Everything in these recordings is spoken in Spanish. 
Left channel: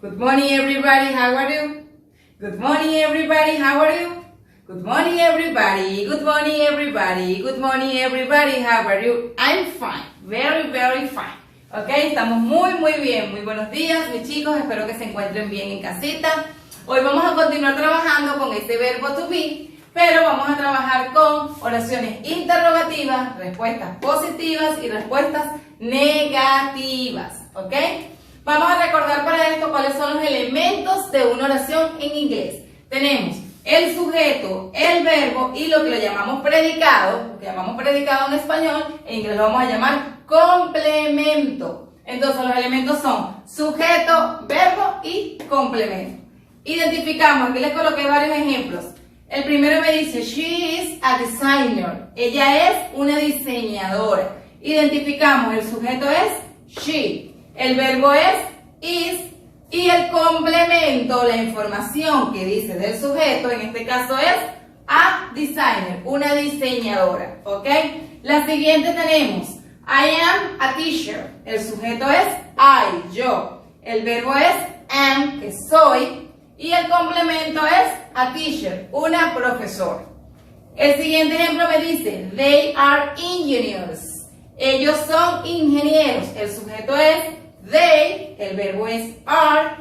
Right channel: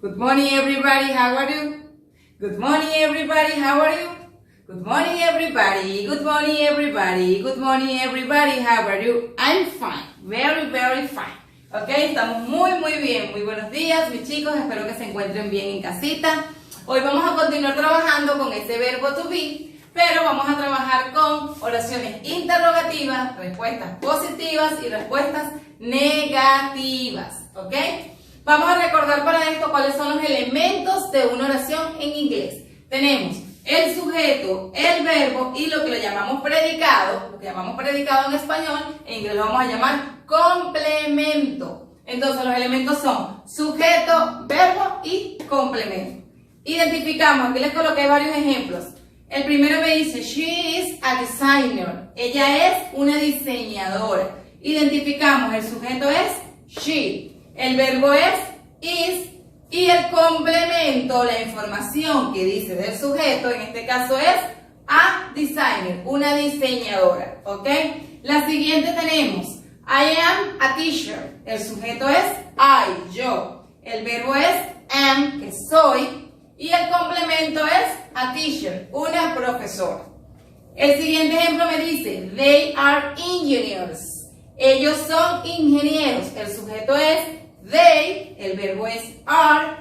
Good morning, everybody. How are you? Good morning, everybody. How are you? Good morning, everybody. Good morning, everybody. Good morning, everybody. How are you? I'm fine. Very, very fine. Ok, estamos muy bien. Muy buenos días, mis chicos. Espero que se encuentren bien en casita. Hoy vamos a continuar trabajando con ese verbo to be, pero vamos a trabajar con oraciones interrogativas, respuestas positivas y respuestas negativas. ¿Ok? Vamos a recordar para esto cuáles son los elementos de una oración en inglés. Tenemos el sujeto, el verbo y lo que le llamamos predicado, lo que llamamos predicado en español, en inglés lo vamos a llamar complemento. Entonces los elementos son sujeto, verbo y complemento. Identificamos, aquí les coloqué varios ejemplos. El primero me dice, she is a designer. Ella es una diseñadora. Identificamos, el sujeto es she. El verbo es is y el complemento, la información que dice del sujeto, en este caso es a designer, una diseñadora, ¿ok? La siguiente tenemos, I am a teacher. El sujeto es I, yo. El verbo es am, que soy, y el complemento es a teacher, una profesora. El siguiente ejemplo me dice, they are engineers. Ellos son ingenieros. El sujeto es they, el verbo es are,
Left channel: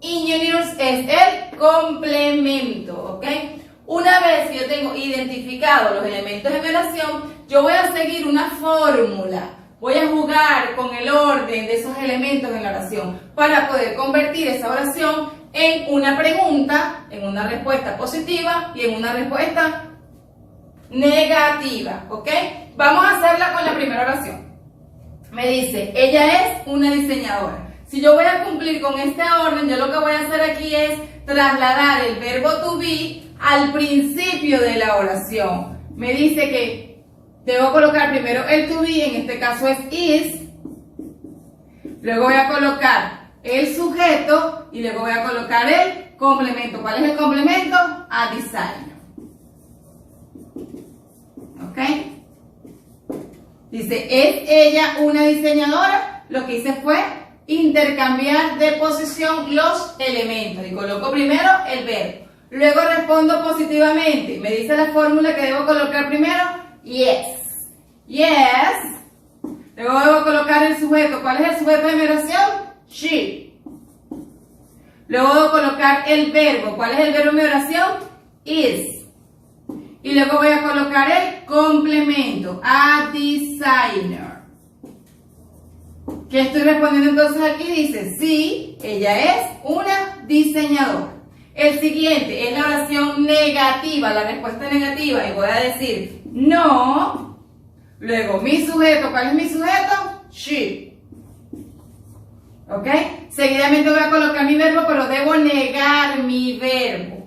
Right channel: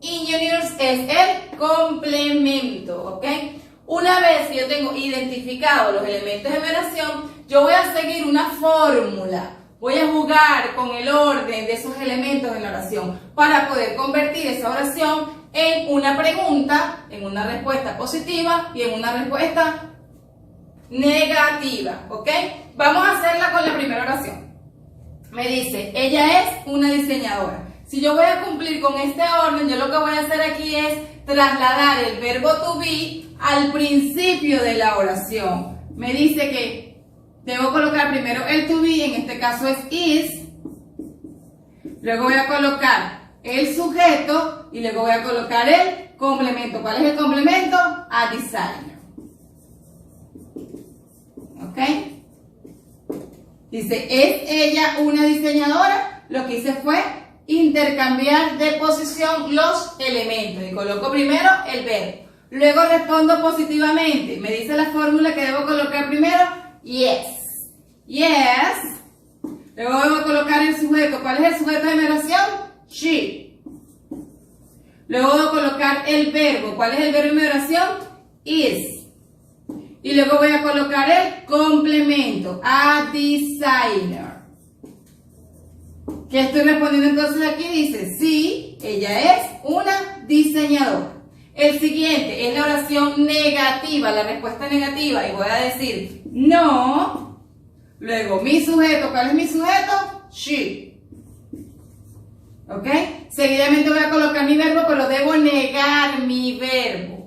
engineers es el complemento, ¿ok? Una vez que yo tengo identificado los elementos de mi oración, yo voy a seguir una fórmula. Voy a jugar con el orden de esos elementos en la oración para poder convertir esa oración en una pregunta, en una respuesta positiva y en una respuesta negativa, ¿ok? Vamos a hacerla con la primera oración. Me dice, ella es una diseñadora. Si yo voy a cumplir con este orden, yo lo que voy a hacer aquí es trasladar el verbo to be al principio de la oración. Me dice que debo colocar primero el to be, en este caso es is. Luego voy a colocar el sujeto y luego voy a colocar el complemento. ¿Cuál es el complemento? A designer. ¿Ok? Dice, ¿es ella una diseñadora? Lo que hice fue intercambiar de posición los elementos. Y coloco primero el verbo. Luego respondo positivamente. Me dice la fórmula que debo colocar primero. Yes. Yes. Luego debo colocar el sujeto. ¿Cuál es el sujeto de mi oración? She. Luego debo colocar el verbo. ¿Cuál es el verbo de mi oración? Is. Y luego voy a colocar el complemento, a designer. ¿Qué estoy respondiendo entonces aquí? Dice, sí, ella es una diseñadora. El siguiente es la oración negativa, la respuesta negativa. Y voy a decir, no. Luego, mi sujeto, ¿cuál es mi sujeto? She. ¿Ok? Seguidamente voy a colocar mi verbo, pero debo negar mi verbo.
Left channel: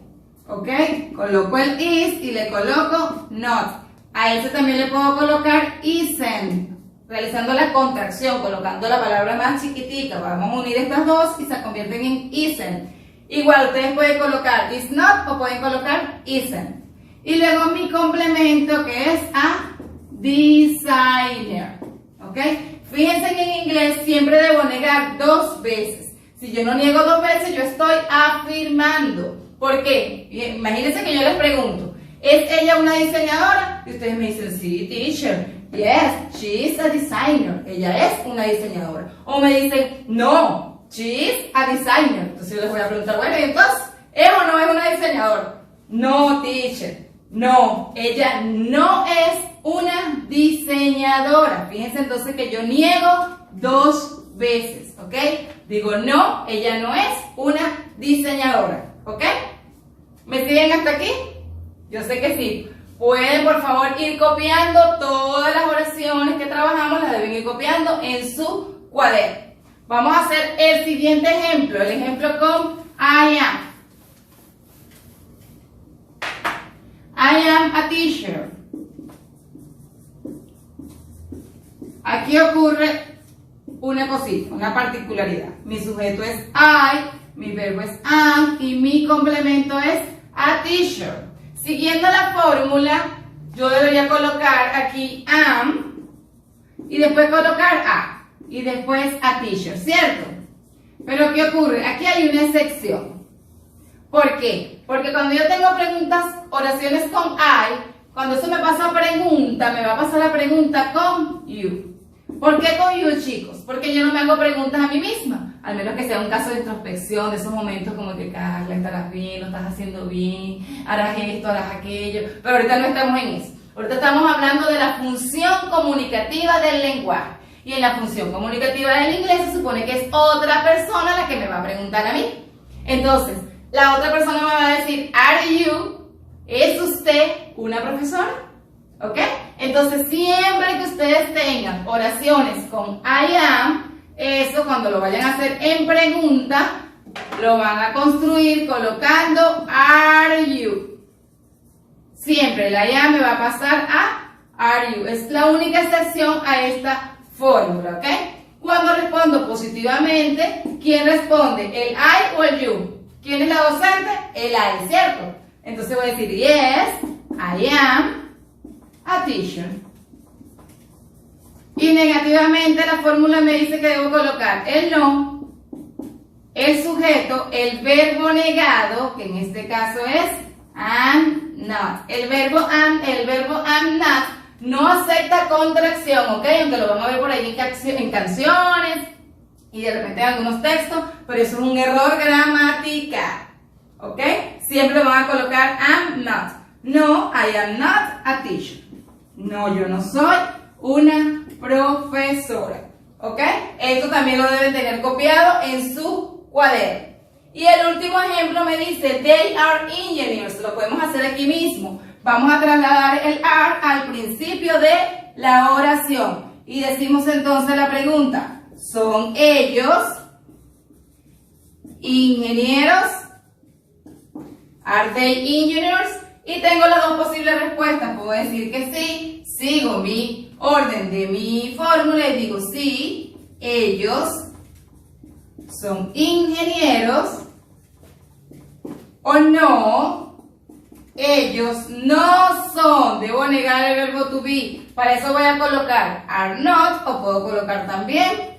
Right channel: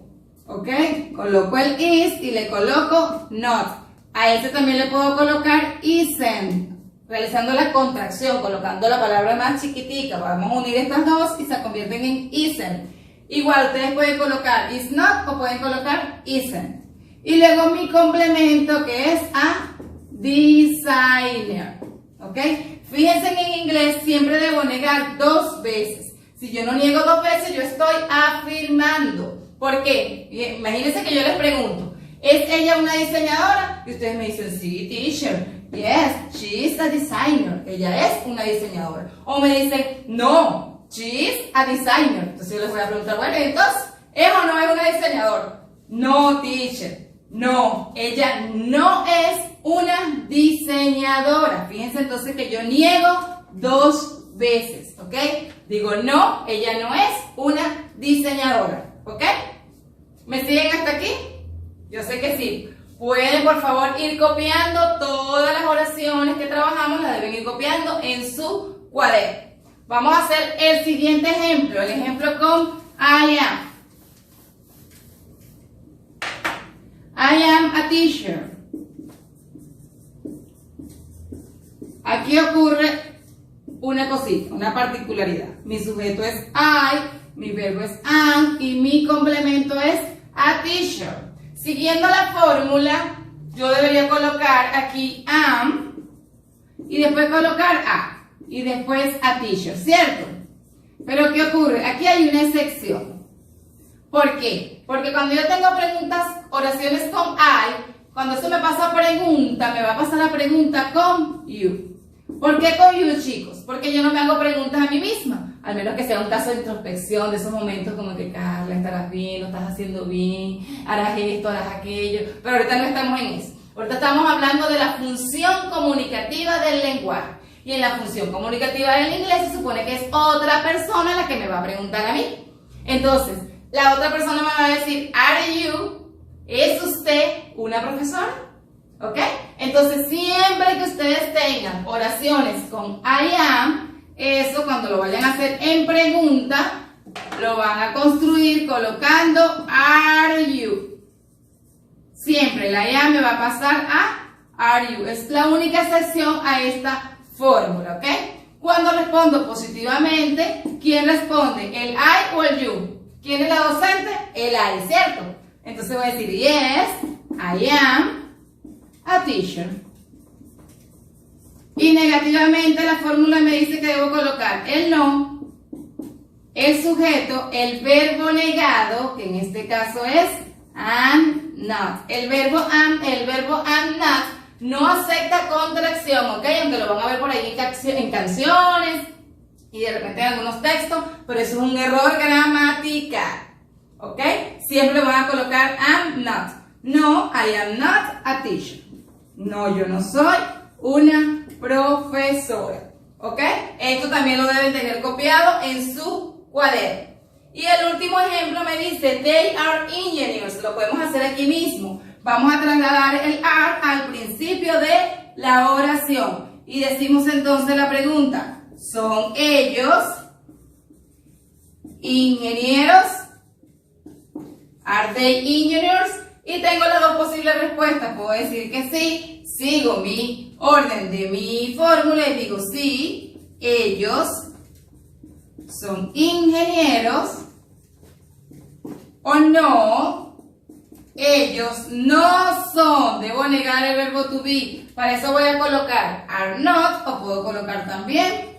¿Ok? Coloco el is y le coloco not. A este también le puedo colocar isn't, realizando la contracción, colocando la palabra más chiquitica. Vamos a unir estas dos y se convierten en isn't. Igual ustedes pueden colocar is not o pueden colocar isn't. Y luego mi complemento que es a designer. ¿Ok? Fíjense que en inglés siempre debo negar dos veces. Si yo no niego dos veces, yo estoy afirmando. ¿Por qué? Imagínense que yo les pregunto, ¿es ella una diseñadora? Y ustedes me dicen, sí, teacher. Yes, she is a designer. Ella es una diseñadora. O me dicen, no, she is a designer. Entonces yo les voy a preguntar, bueno, entonces, ¿es o no es una diseñadora? No, teacher. No, ella no es una diseñadora. Fíjense entonces que yo niego dos veces, ¿ok? Digo, no, ella no es una diseñadora. ¿Ok? ¿Me siguen hasta aquí? Yo sé que sí. Pueden, por favor, ir copiando todas las oraciones que trabajamos, las deben ir copiando en su cuaderno. Vamos a hacer el siguiente ejemplo, el ejemplo con I am. I am a teacher. Aquí ocurre una cosita, una particularidad. Mi sujeto es I. Mi verbo es am y mi complemento es a teacher. Siguiendo la fórmula, yo debería colocar aquí am y después colocar a y después a teacher, ¿cierto? Pero ¿qué ocurre? Aquí hay una excepción. ¿Por qué? Porque cuando yo tengo preguntas, oraciones con I, cuando se me pasa pregunta, me va a pasar la pregunta con you. ¿Por qué con you, chicos? Porque yo no me hago preguntas a mí misma. Al menos que sea un caso de introspección, de esos momentos como que, Carla, estarás bien, lo estás haciendo bien, harás esto, harás aquello. Pero ahorita no estamos en eso. Ahorita estamos hablando de la función comunicativa del lenguaje. Y en la función comunicativa del inglés se supone que es otra persona la que me va a preguntar a mí. Entonces, la otra persona me va a decir, ¿are you? ¿Es usted una profesora? ¿Ok? Entonces, siempre que ustedes tengan oraciones con I am, eso cuando lo vayan a hacer en pregunta, lo van a construir colocando are you. Siempre la I am me va a pasar a are you. Es la única excepción a esta fórmula, ¿ok? Cuando respondo positivamente, ¿quién responde? ¿El I o el you? ¿Quién es la docente? El I, ¿cierto? Entonces voy a decir, yes, I am a teacher. Y negativamente la fórmula me dice que debo colocar el no, el sujeto, el verbo negado, que en este caso es am not. El verbo am not no acepta contracción, ¿ok? Aunque lo van a ver por ahí en canciones y de repente en algunos textos, pero eso es un error gramatical, ¿ok? Siempre van a colocar am not. No, I am not a teacher. No, yo no soy una profesora, ¿ok? Esto también lo deben tener copiado en su cuaderno. Y el último ejemplo me dice, they are engineers. Lo podemos hacer aquí mismo. Vamos a trasladar el are al principio de la oración. Y decimos entonces la pregunta, ¿son ellos ingenieros? ¿Are they engineers? Y tengo las dos posibles respuestas. Puedo decir que sí, sigo mi orden de mi fórmula y digo sí, ellos son ingenieros, o no, ellos no son. Debo negar el verbo to be. Para eso voy a colocar are not, o puedo colocar también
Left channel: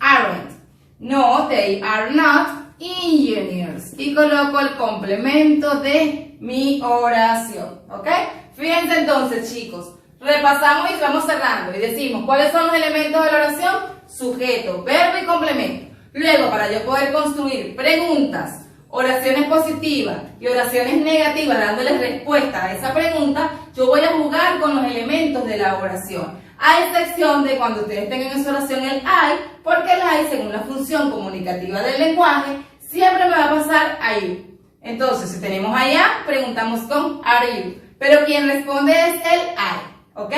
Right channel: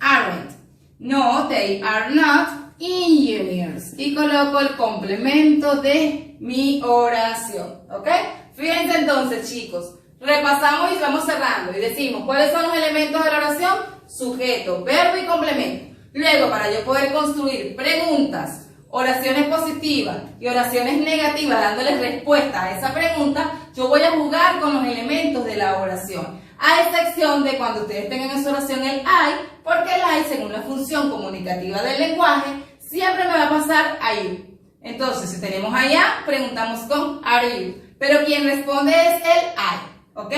aren't. No, they are not engineers. Y coloco el complemento de mi oración, ¿ok? Fíjense entonces, chicos, repasamos y vamos cerrando y decimos, ¿cuáles son los elementos de la oración? Sujeto, verbo y complemento. Luego, para yo poder construir preguntas, oraciones positivas y oraciones negativas, dándoles respuesta a esa pregunta, yo voy a jugar con los elementos de la oración. A excepción de cuando ustedes tengan en su oración el I, porque el I, según la función comunicativa del lenguaje, siempre me va a pasar a you. Entonces, si tenemos allá, preguntamos con are you. Pero quien responde es el I, ¿ok?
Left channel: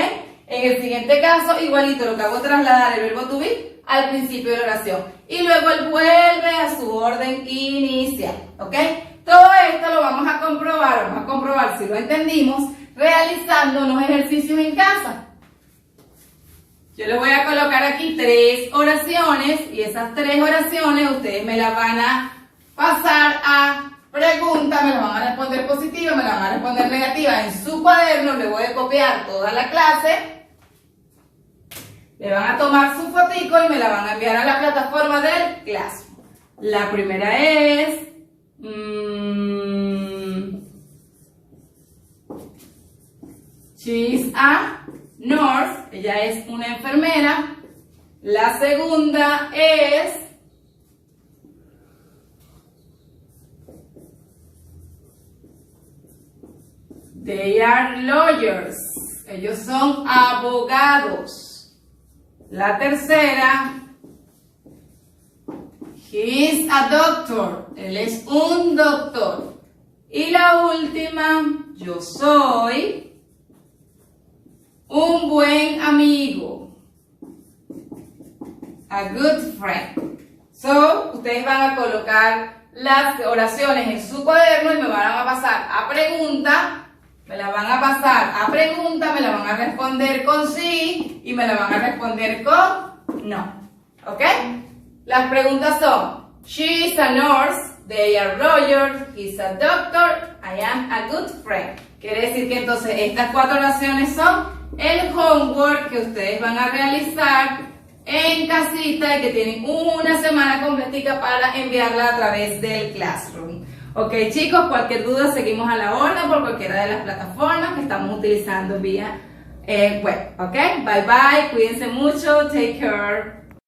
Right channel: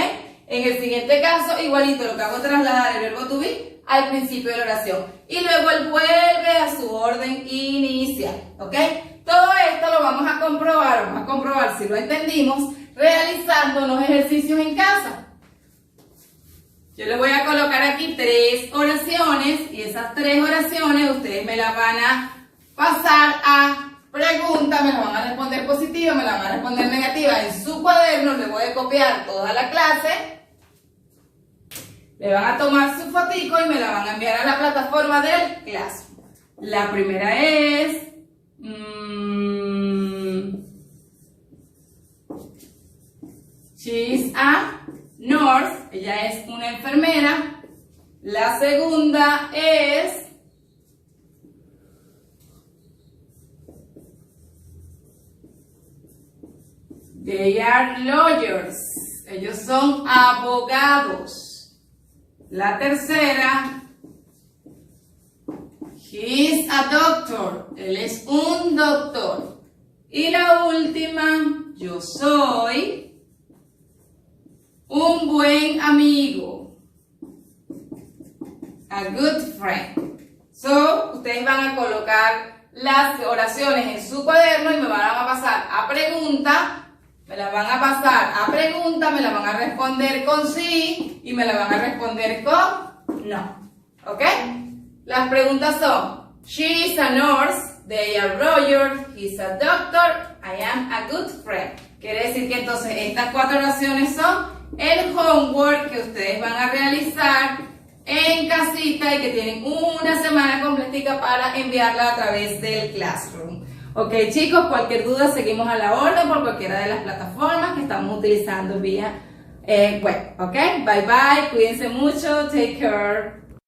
En el siguiente caso, igualito, lo que hago es trasladar el verbo to be al principio de la oración. Y luego él vuelve a su orden inicial, ¿ok? Todo esto lo vamos a comprobar si lo entendimos, realizando unos ejercicios en casa. Yo les voy a colocar aquí 3 oraciones y esas 3 oraciones ustedes me las van a pasar a pregunta, me la van a responder positiva, me la van a responder negativa en su cuaderno. Le voy a copiar toda la clase, le van a tomar su fotico y me la van a enviar a la plataforma del Classroom. La primera es she's a nurse, ella es una enfermera. La segunda es they are lawyers, ellos son abogados. La tercera, he is a doctor, él es un doctor. Y la última, yo soy un buen amigo, a good friend. So, ustedes van a colocar las oraciones en su cuaderno y me van a pasar a pregunta. Me la van a pasar a pregunta, me la van a responder con sí y me la van a responder con no. ¿Ok? Las preguntas son, she is a nurse, they are lawyers, he is a doctor, I am a good friend. Quiere decir que entonces estas 4 oraciones son el homework que ustedes van a realizar en casita y que tienen una semana completica para enviarla a través del Classroom. Ok, chicos, cualquier duda seguimos a la orden por cualquiera de las plataformas que estamos utilizando vía web. Ok, bye bye, cuídense mucho, take care.